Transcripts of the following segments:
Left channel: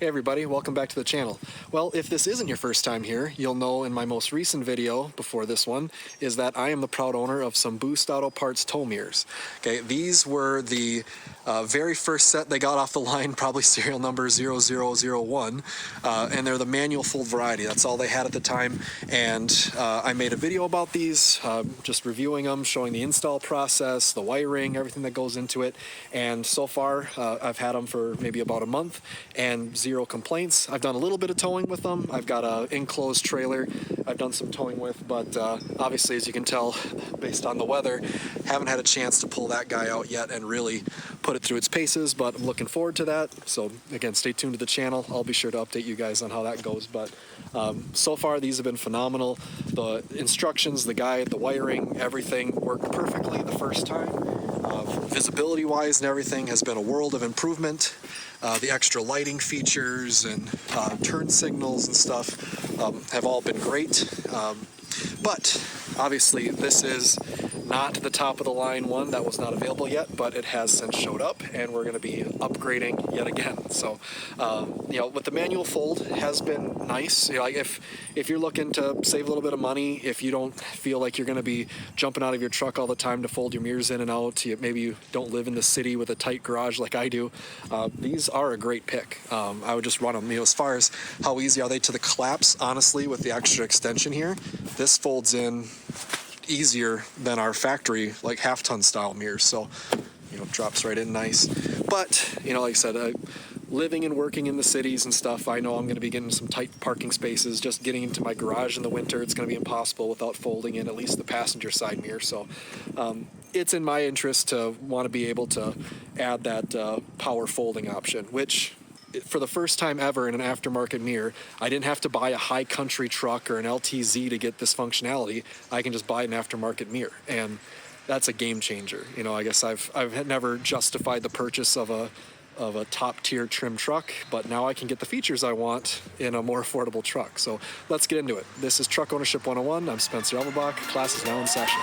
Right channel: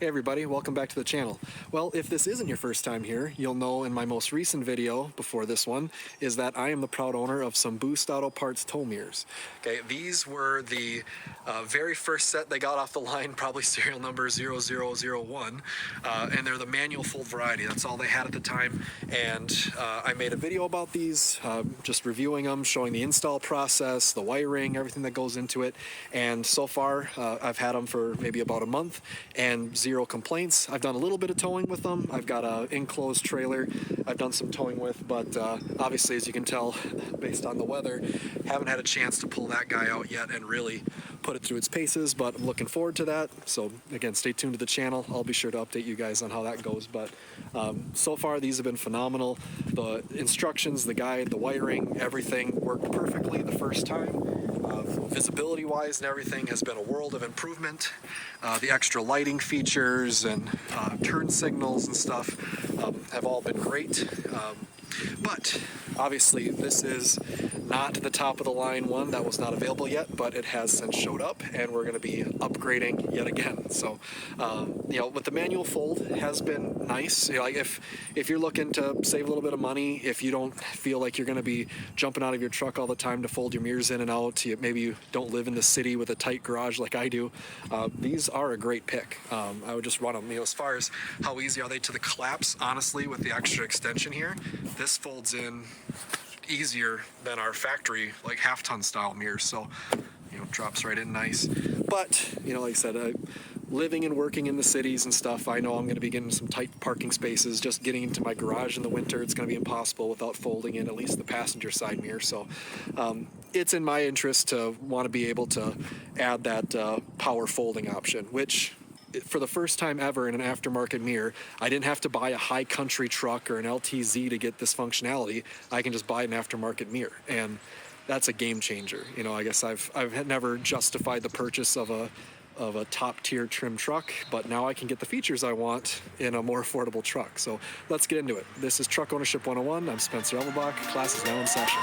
Hey everybody, welcome back to the channel. Well, if this isn't your first time here, you'll know in my most recent video before this one is that I am the proud owner of some Boost Auto Parts tow mirrors. Okay, these were the very first set they got off the line, probably serial number 0001, and they're the manual fold variety. That's all they had at the time, and I made a video about these, just reviewing them, showing the install process, the wiring, everything that goes into it, and so far I've had them for maybe about a month, and zero complaints. I've done a little bit of towing with them. I've got an enclosed trailer I've done some towing with, but obviously, as you can tell, based on the weather, haven't had a chance to pull that guy out yet and really put it through its paces, but I'm looking forward to that. So again, stay tuned to the channel. I'll be sure to update you guys on how that goes, but so far these have been phenomenal. The instructions, the guide, the wiring, everything worked perfectly the first time. Visibility wise and everything has been a world of improvement. The extra lighting features and turn signals and stuff have all been great. But obviously this is not the top of the line one that was not available yet, but it has since showed up and we're going to be upgrading yet again. So with the manual fold, it has been nice. Like if you're looking to save a little bit of money, if you don't feel like you're going to be jumping out of your truck all the time to fold your mirrors in and out, maybe you don't live in the city with a tight garage like I do, these are a great pick. I would just run them. As far as how easy are they to the collapse, honestly, with the extra extension here, this folds in easier than our factory like half-ton style mirrors, so drops right in nice. But like I said, living and working in the cities and stuff, I know I'm going to be getting some tight parking spaces. Just getting into my garage in the winter, it's going to be impossible without folding in at least the passenger side mirror. So it's in my interest to want to be able to add that power folding option, which for the first time ever in an aftermarket mirror, I didn't have to buy a high country truck or an LTZ to get this functionality. I can just buy an aftermarket mirror, and that's a game changer. I guess I've never justified the purchase of a top tier trim truck, but now I can get the features I want in a more affordable truck. So let's get into it. This is Truck Ownership 101. I'm Spencer Elmerbach. Class is now in session.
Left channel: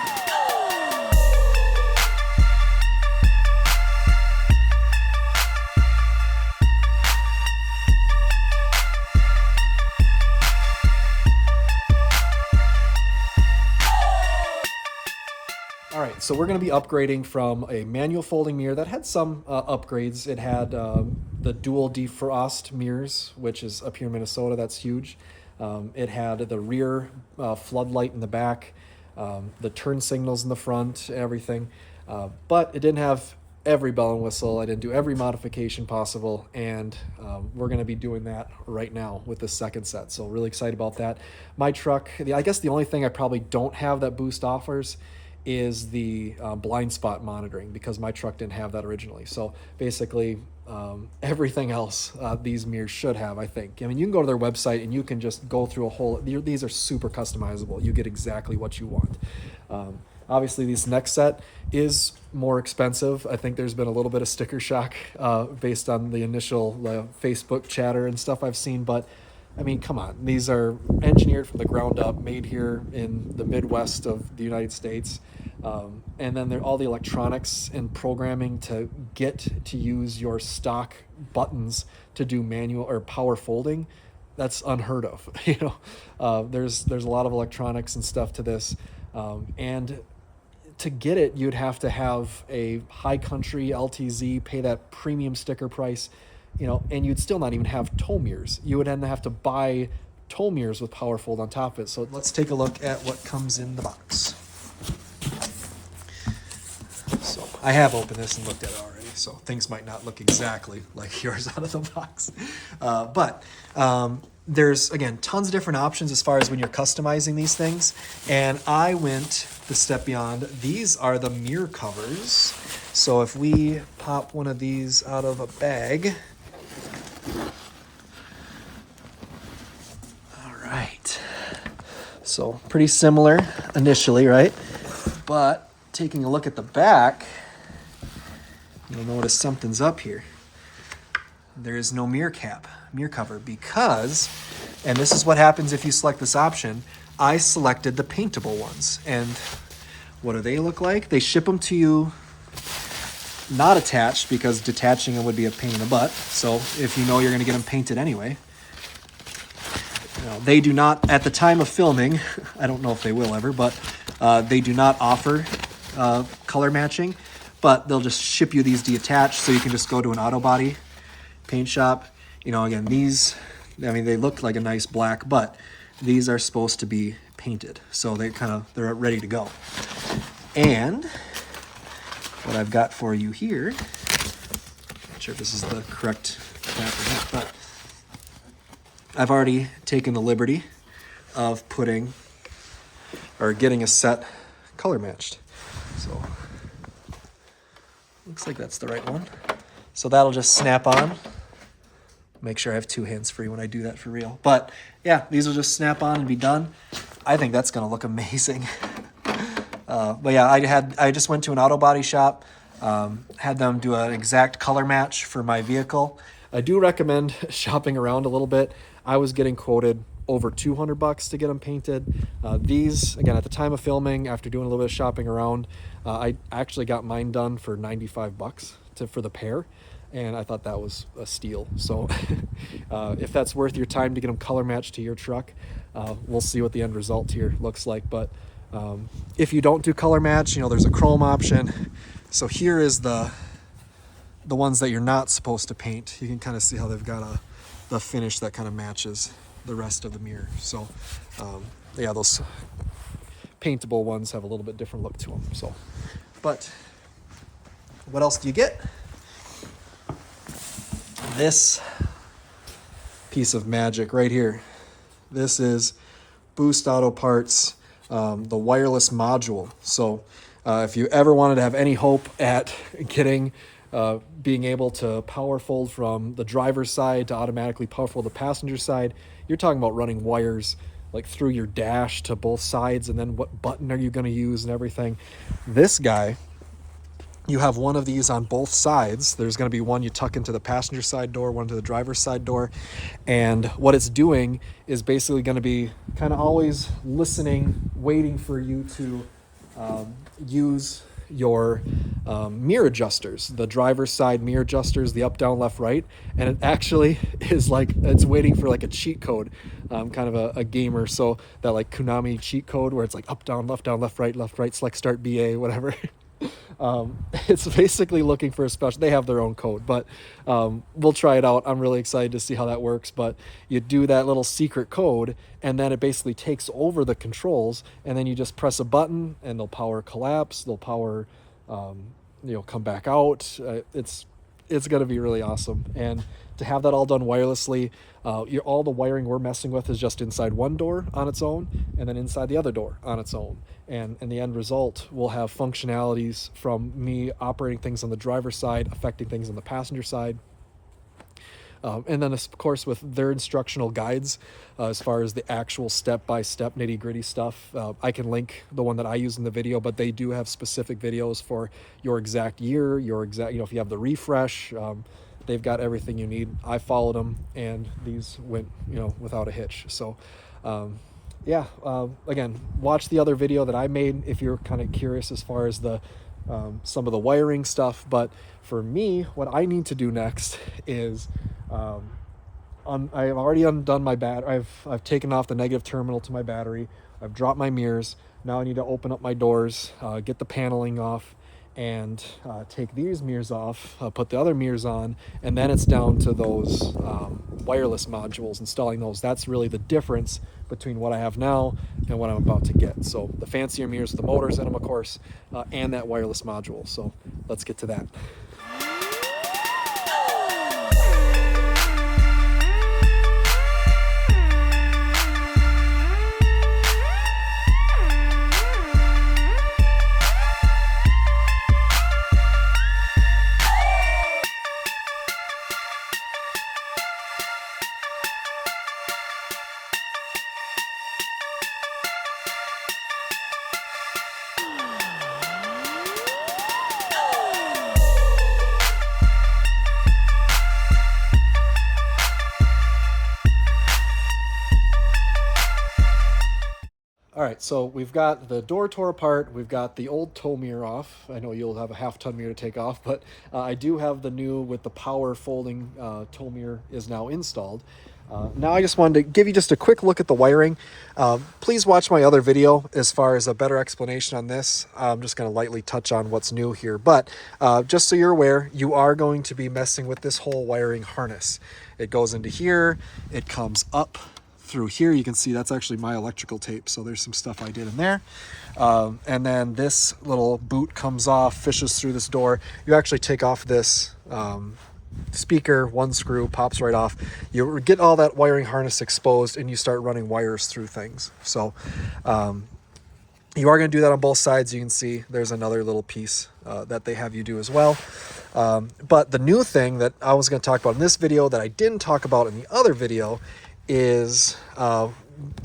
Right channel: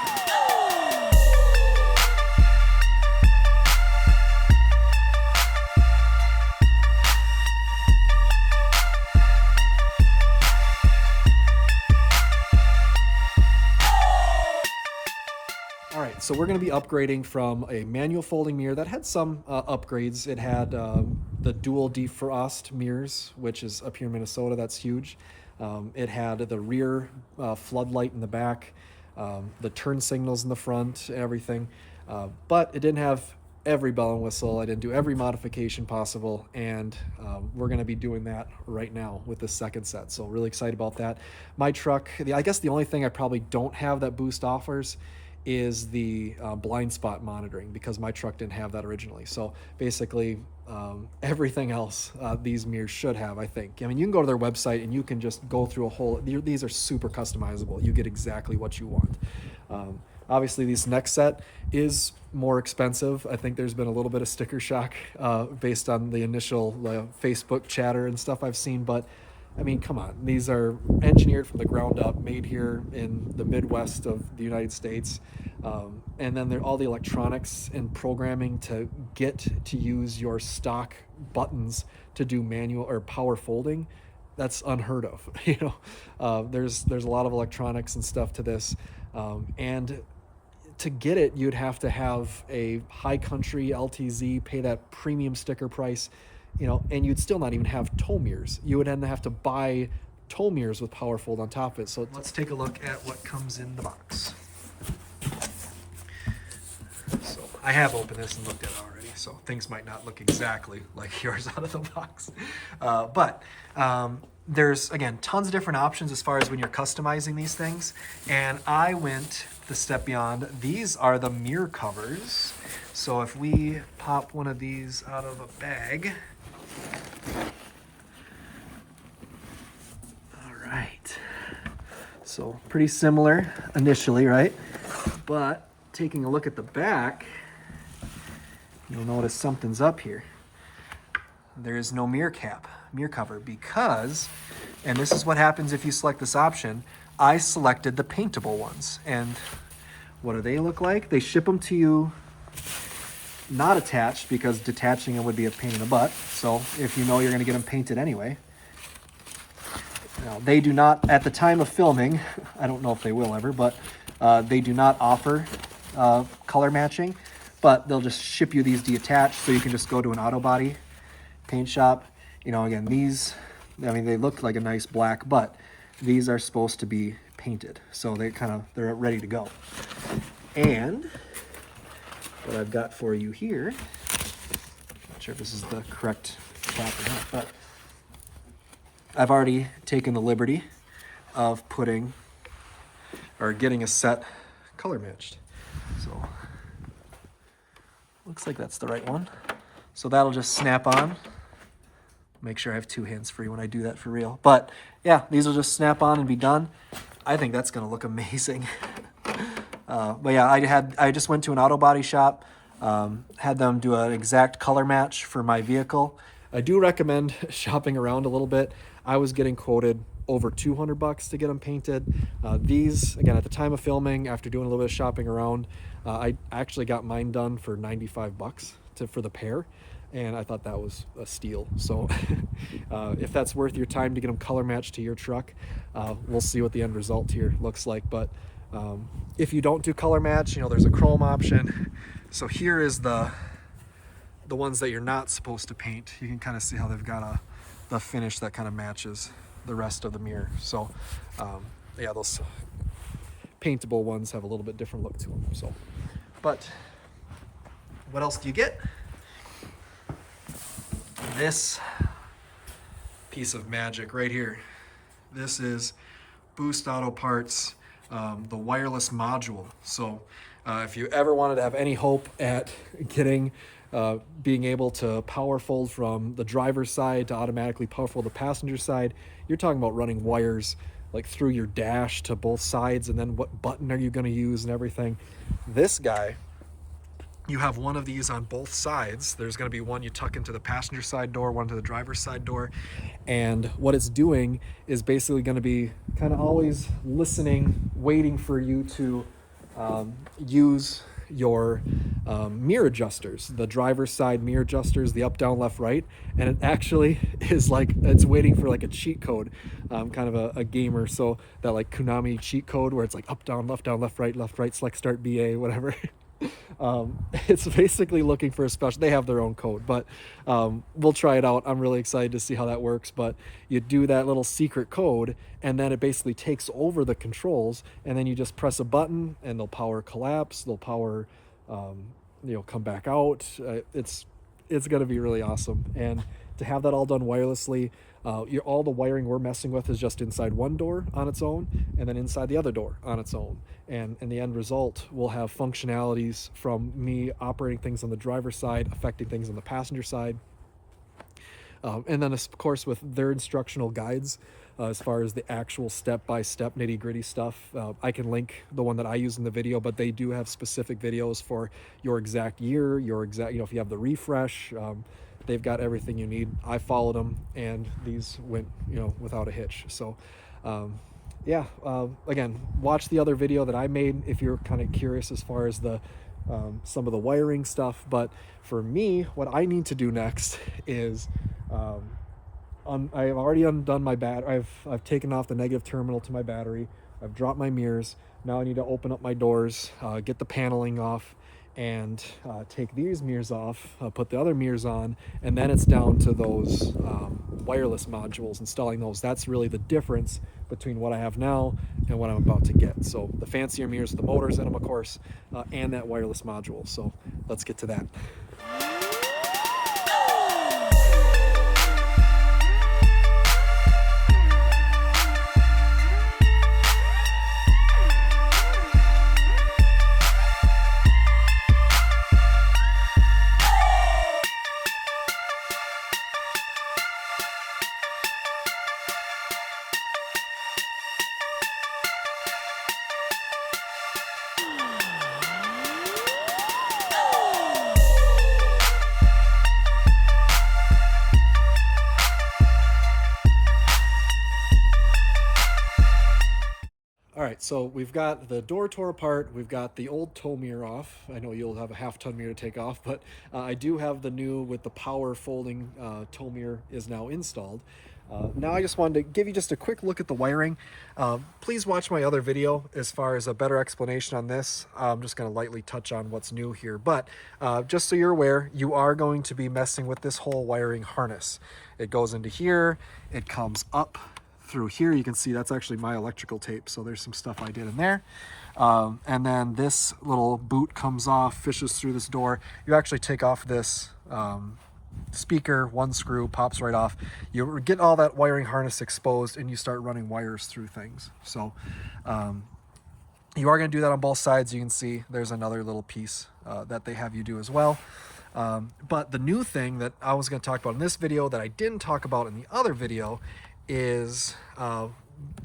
All right, so we're going to be upgrading from a manual folding mirror that had some upgrades. It had the dual defrost mirrors, which is up here in Minnesota. That's huge. It had the rear floodlight in the back, the turn signals in the front, everything. But it didn't have every bell and whistle. I didn't do every modification possible, and we're going to be doing that right now with the second set. So really excited about that. My truck, I guess the only thing I probably don't have that Boost offers is the blind spot monitoring, because my truck didn't have that originally. So basically everything else these mirrors should have, I think. I mean, you can go to their website and you can just go through a whole, these are super customizable. You get exactly what you want. Obviously this next set is more expensive. I think there's been a little bit of sticker shock based on the initial Facebook chatter and stuff I've seen, but I mean, come on. These are engineered from the ground up, made here in the Midwest of the United States. And then all the electronics and programming to get to use your stock buttons to do manual or power folding. That's unheard of. There's a lot of electronics and stuff to this. And to get it, you'd have to have a high country LTZ, pay that premium sticker price. And you'd still not even have tow mirrors. You would then have to buy tow mirrors with power fold on top of it. So let's take a look at what comes in the box. So I have opened this and looked at it already, so things might not look exactly like yours out of the box. But there's, again, tons of different options as far as when you're customizing these things. And I went the step beyond. These are the mirror covers. So if we pop one of these out of a bag, all right, so pretty similar initially, right? But taking a look at the back, you'll notice something's up here. There is no mirror cover, because, and this is what happens if you select this option, I selected the paintable ones. And what do they look like? They ship them to you not attached because detaching them would be a pain in the butt. So if you know you're going to get them painted anyway. Now, they do not, at the time of filming, I don't know if they will ever, but they do not offer color matching, but they'll just ship you these detached so you can just go to an auto body paint shop. You know, again, these, I mean, they look like a nice black, but these are supposed to be painted. So they're ready to go. And what I've got for you here, not sure if this is the correct cap or not, but I've already taken the liberty of putting or getting a set color matched. So looks like that's the right one. So that'll just snap on. Make sure I have 2 hands free when I do that for real. But yeah, these will just snap on and be done. I think that's gonna look amazing. But yeah, I just went to an auto body shop, had them do an exact color match for my vehicle. I do recommend shopping around a little bit. I was getting quoted over $200 to get them painted. These, again, at the time of filming, after doing a little bit of shopping around, I actually got mine done for $95 for the pair. And I thought that was a steal. So if that's worth your time to get them color matched to your truck, we'll see what the end result here looks like. But if you don't do color match, you know, there's a chrome option. So here is the ones that you're not supposed to paint. You can kind of see how they've got the finish that kind of matches the rest of the mirror. So yeah, those paintable ones have a little bit different look to them. So, but what else do you get? This piece of magic right here. This is Boost Auto Parts, the wireless module. So if you ever wanted to have any hope at getting being able to power fold from the driver's side to automatically power fold the passenger side, you're talking about running wires like through your dash to both sides, and then what button are you going to use and everything. This guy, you have one of these on both sides. There's going to be one you tuck into the passenger side door, one to the driver's side door. And what it's doing is basically going to be kind of always listening, waiting for you to use your mirror adjusters, the driver's side mirror adjusters, the up, down, left, right. And it actually is like, it's waiting for like a cheat code, kind of a gamer. So that like Konami cheat code where it's like up, down, left, right, select, start, BA, whatever. It's basically looking for a special, they have their own code, but we'll try it out. I'm really excited to see how that works. But you do that little secret code, and then it basically takes over the controls, and then you just press a button and they'll power collapse, they'll power come back out. It's going to be really awesome. And to have that all done wirelessly, all the wiring we're messing with is just inside one door on its own, and then inside the other door on its own. And the end result will have functionalities from me operating things on the driver's side, affecting things on the passenger side. And then, of course, with their instructional guides, as far as the actual step-by-step nitty-gritty stuff, I can link the one that I use in the video, but they do have specific videos for your exact year, your exact, if you have the refresh, they've got everything you need. I followed them, and these went, without a hitch. So, yeah, again, watch the other video that I made if you're kind of curious as far as the some of the wiring stuff. But for me, what I need to do next is I've already undone my I've taken off the negative terminal to my battery. I've dropped my mirrors. Now I need to open up my doors, get the paneling off, and take these mirrors off, put the other mirrors on, and then it's down to those wireless modules, installing those. That's really the difference between what I have now and what I'm about to get. So the fancier mirrors, the motors in them, of course, and that wireless module. So let's get to that. All right, so we've got the door tore apart. We've got the old tow mirror off. I know you'll have a half-ton mirror to take off, but I do have the new with the power folding tow mirror is now installed. Now I just wanted to give you just a quick look at the wiring. Please watch my other video as far as a better explanation on this. I'm just going to lightly touch on what's new here, but just so you're aware, you are going to be messing with this whole wiring harness. It goes into here, it comes up through here. You can see that's actually my electrical tape, so there's some stuff I did in there. And then this little boot comes off, fishes through this door. You actually take off this speaker, one screw pops right off. You get all that wiring harness exposed and you start running wires through things. So you are going to do that on both sides. You can see there's another little piece that they have you do as well. But the new thing that I was going to talk about in this video that I didn't talk about in the other video is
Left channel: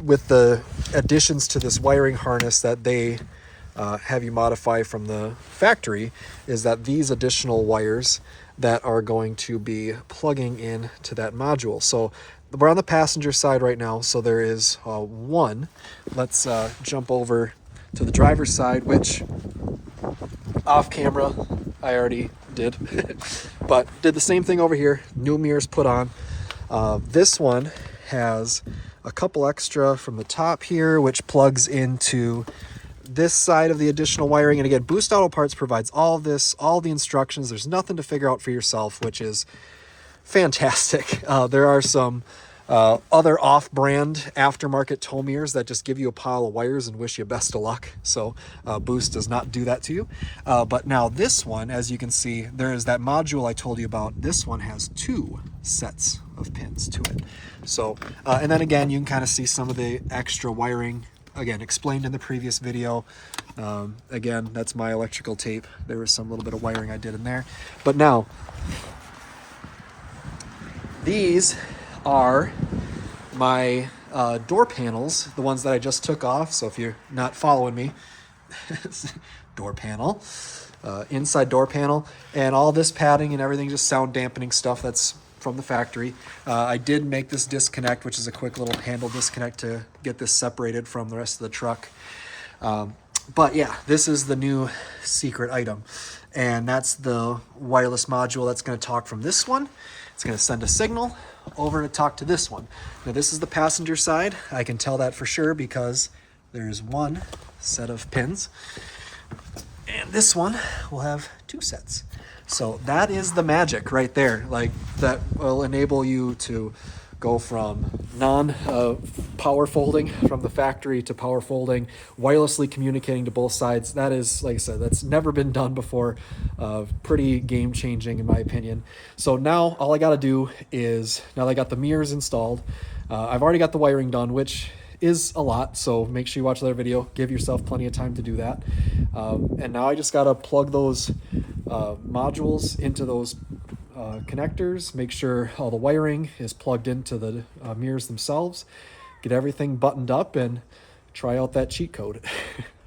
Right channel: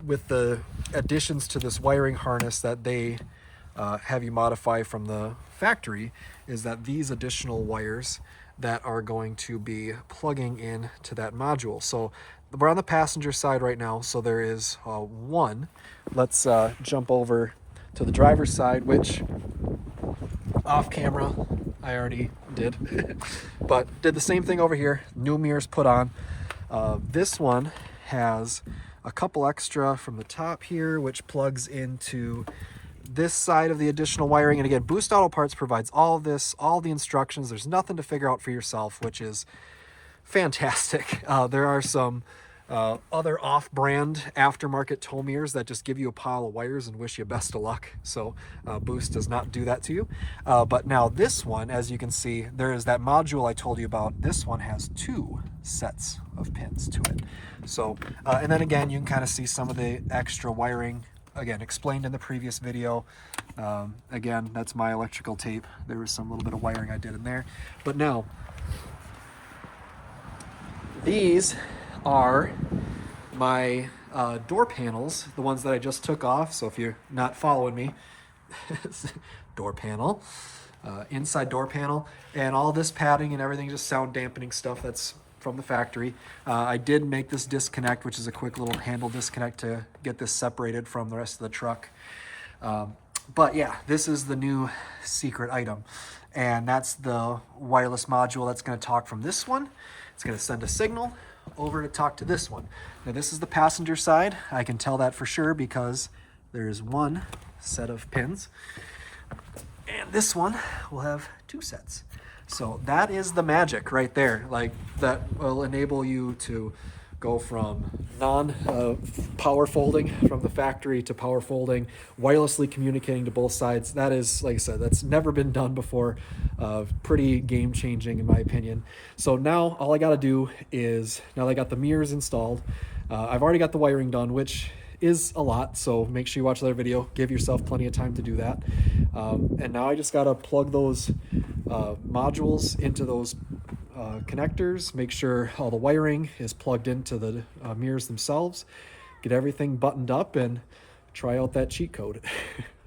with the additions to this wiring harness that they have you modify from the factory, is that these additional wires that are going to be plugging in to that module. So we're on the passenger side right now, so there is one. Let's jump over to the driver's side, which off camera I already did but did the same thing over here. New mirrors put on. This one has a couple extra from the top here, which plugs into this side of the additional wiring. And again, Boost Auto Parts provides all of this, all the instructions. There's nothing to figure out for yourself, which is fantastic. There are some other off-brand aftermarket tow mirrors that just give you a pile of wires and wish you best of luck. So Boost does not do that to you. But now this one, as you can see, there is that module I told you about. This one has 2 sets of pins to it. So, and then again, you can kind of see some of the extra wiring, again, explained in the previous video. Again, that's my electrical tape. There was some little bit of wiring I did in there. But now, these are my door panels, the ones that I just took off. So if you're not following me, door panel, inside door panel, and all this padding and everything, just sound dampening stuff that's from the factory. I did make this disconnect, which is a quick little handle disconnect to get this separated from the rest of the truck. But yeah, this is the new secret item, and that's the wireless module that's going to talk from this one. It's going to send a signal over to talk to this one. Now this is the passenger side. I can tell that for sure because there's 1 set of pins, and this one will have 2 sets. So that is the magic right there. Like, that will enable you to go from power folding from the factory to power folding, wirelessly communicating to both sides. That is, like I said, that's never been done before. Pretty game changing in my opinion. So now all I got to do is, now that I got the mirrors installed, I've already got the wiring done, which is a lot, so make sure you watch the other video. Give yourself plenty of time to do that. And now I just got to plug those modules into those connectors, make sure all the wiring is plugged into the mirrors themselves, get everything buttoned up, and try out that cheat code.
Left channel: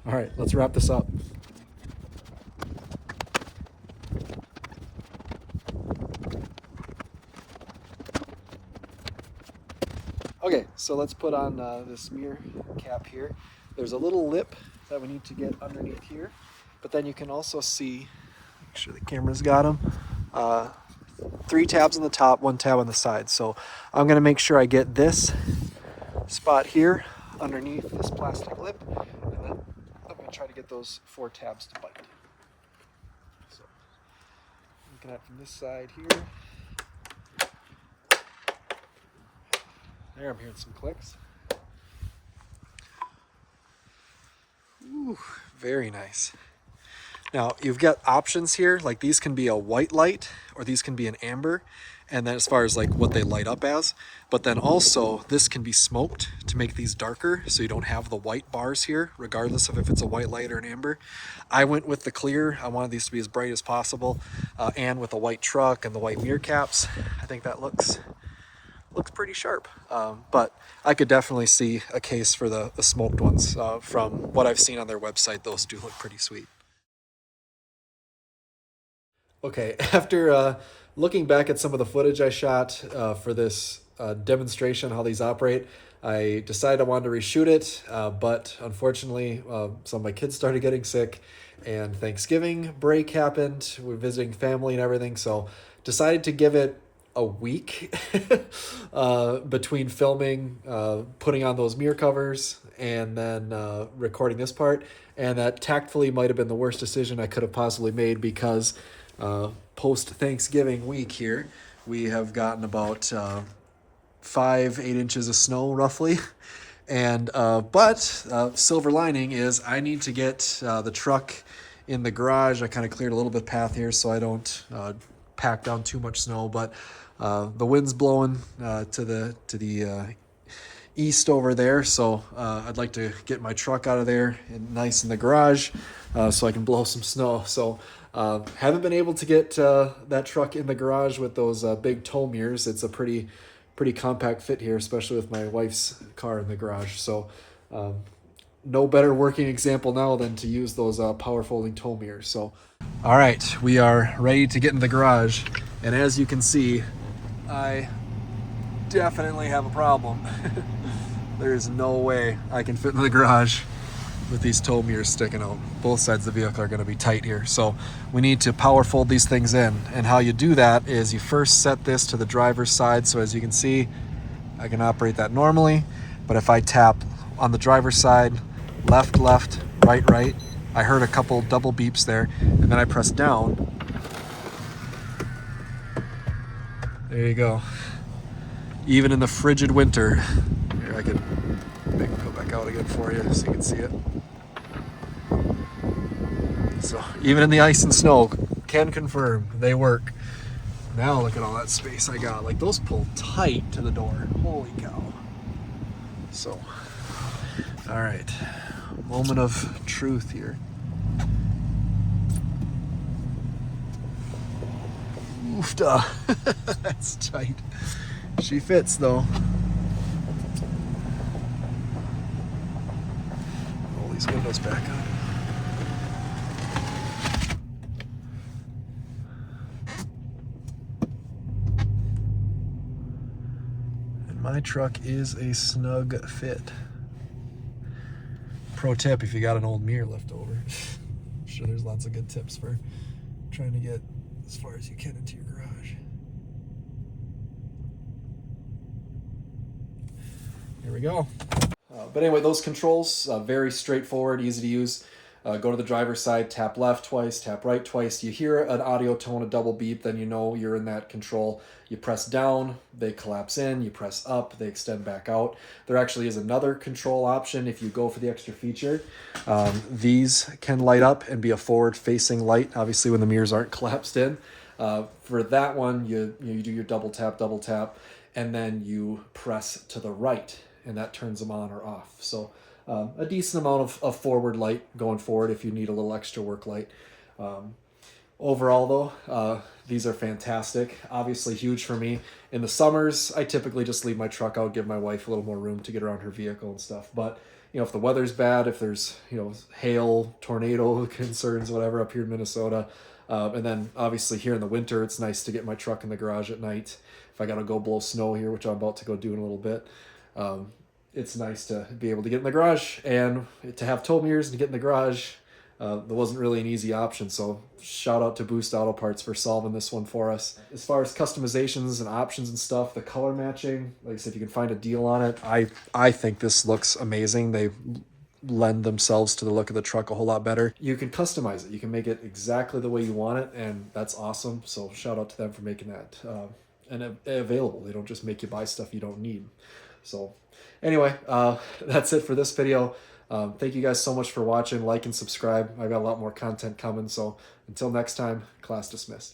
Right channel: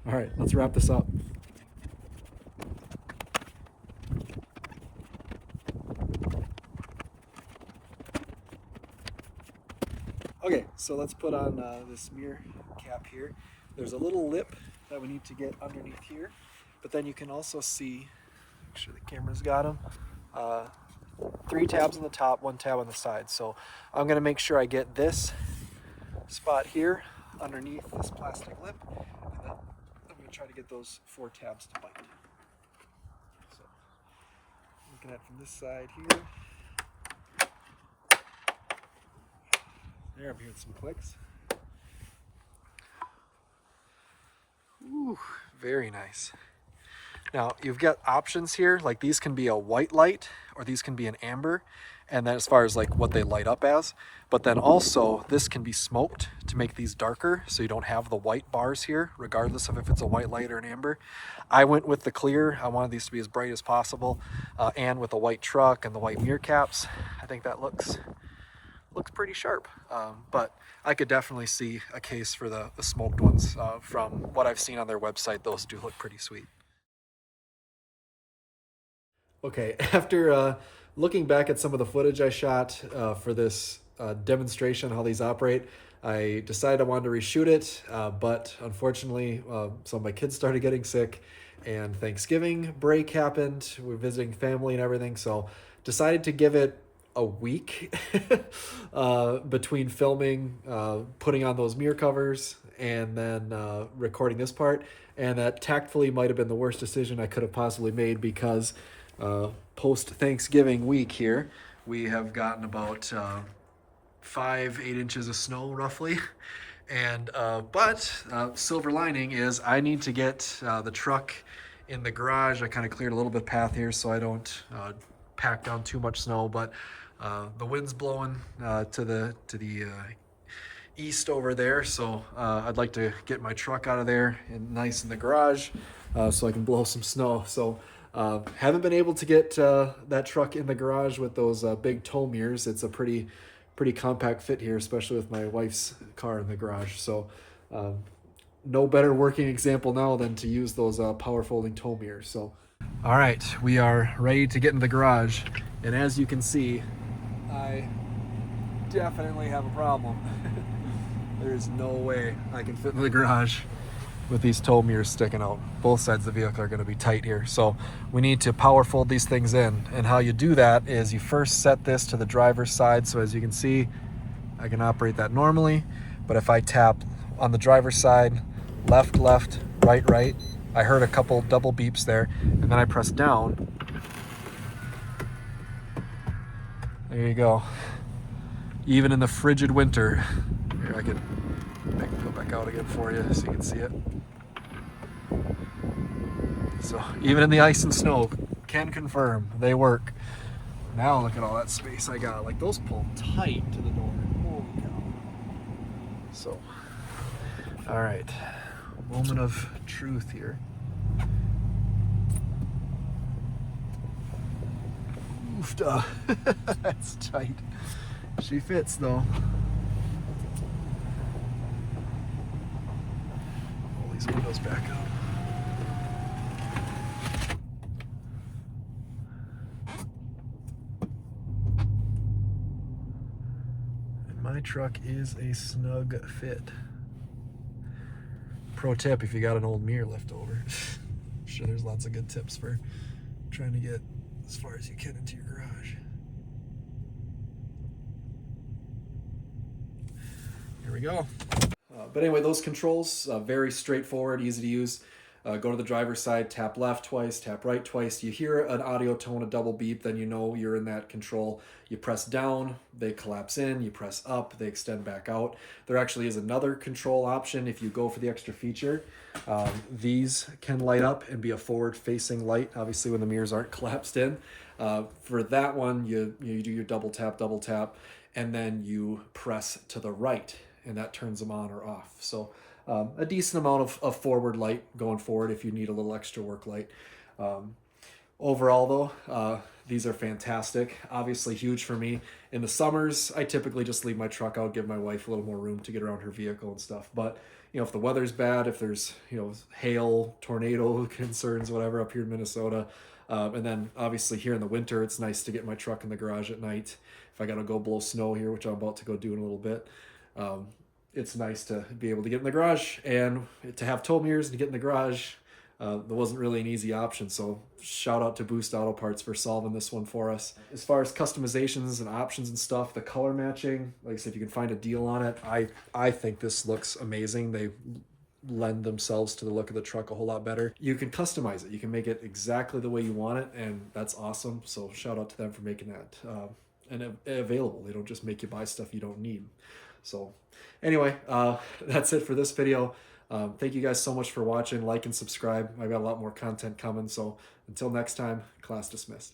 All right, let's wrap this up. Okay, so let's put on this mirror cap here. There's a little lip that we need to get underneath here, but then you can also see, make sure the camera's got them, 3 tabs on the top, 1 tab on the side. So I'm going to make sure I get this spot here underneath this plastic lip, and then I'm going to try to get those 4 tabs to bite. So looking at from this side here. There, I'm hearing some clicks. Ooh, very nice. Now, you've got options here, like these can be a white light or these can be an amber, and then as far as like what they light up as, but then also this can be smoked to make these darker so you don't have the white bars here, regardless of if it's a white light or an amber. I went with the clear. I wanted these to be as bright as possible, and with the white truck and the white mirror caps, I think that looks pretty sharp. But I could definitely see a case for the smoked ones. From what I've seen on their website, those do look pretty sweet. Okay, after looking back at some of the footage I shot for this demonstration how these operate. I decided I wanted to reshoot it, but unfortunately, some of my kids started getting sick, and Thanksgiving break happened. We're visiting family and everything, so decided to give it a week between filming, putting on those mirror covers, and then recording this part. And that tactfully might have been the worst decision I could have possibly made, because post Thanksgiving week here, we have gotten about 8 inches of snow roughly. And but silver lining is I need to get the truck in the garage. I kind of cleared a little bit of path here so I don't pack down too much snow, but the wind's blowing to the east over there, so I'd like to get my truck out of there and nice in the garage so I can blow some snow. So haven't been able to get that truck in the garage with those big tow mirrors. It's a pretty compact fit here, especially with my wife's car in the garage. So no better working example now than to use those power folding tow mirrors. So all right, we are ready to get in the garage, and as you can see, I definitely have a problem. There's no way I can fit in the garage with these tow mirrors sticking out. Both sides of the vehicle are going to be tight here, so we need to power fold these things in. And how you do that is you first set this to the driver's side, so as you can see, I can operate that normally. But if I tap on the driver's side, left, left, right, right, I heard a couple double beeps there, and then I press down. There you go. Even in the frigid winter, here I can go back out again for you so you can see it. So even in the ice and snow, can confirm they work. Now look at all that space I got. Like, those pull tight to the door. Holy cow. So, all right, moment of truth here. Oofda. That's tight. She fits though. Roll these windows back up. And my truck is a snug fit. Pro tip, if you got an old mirror left over. I'm sure there's lots of good tips for trying to get as far as you can into your garage. Here we go. But anyway, those controls, very straightforward, easy to use. Go to the driver's side, tap left twice, tap right twice. You hear an audio tone, a double beep, then you know you're in that control. You press down, they collapse in. You press up, they extend back out. There actually is another control option if you go for the extra feature. These can light up and be a forward-facing light, obviously when the mirrors aren't collapsed in. For that one, you do your double tap, and then you press to the right, and that turns them on or off. So a decent amount of forward light going forward if you need a little extra work light. Overall though, these are fantastic. Obviously huge for me. In the summers, I typically just leave my truck out, give my wife a little more room to get around her vehicle and stuff. But you know, if the weather's bad, if there's, you know, hail, tornado concerns, whatever up here in Minnesota, and then obviously here in the winter, it's nice to get my truck in the garage at night. If I gotta go blow snow here, which I'm about to go do in a little bit, it's nice to be able to get in the garage, and to have tow mirrors and to get in the garage, there wasn't really an easy option. So shout out to Boost Auto Parts for solving this one for us. As far as customizations and options and stuff, the color matching, like I said, if you can find a deal on it, I think this looks amazing. They lend themselves to the look of the truck a whole lot better. You can customize it. You can make it exactly the way you want it, and that's awesome. So shout out to them for making that and available. They don't just make you buy stuff you don't need. So anyway, that's it for this video. Thank you guys so much for watching. Like and subscribe. I've got a lot more content coming. So until next time, class dismissed.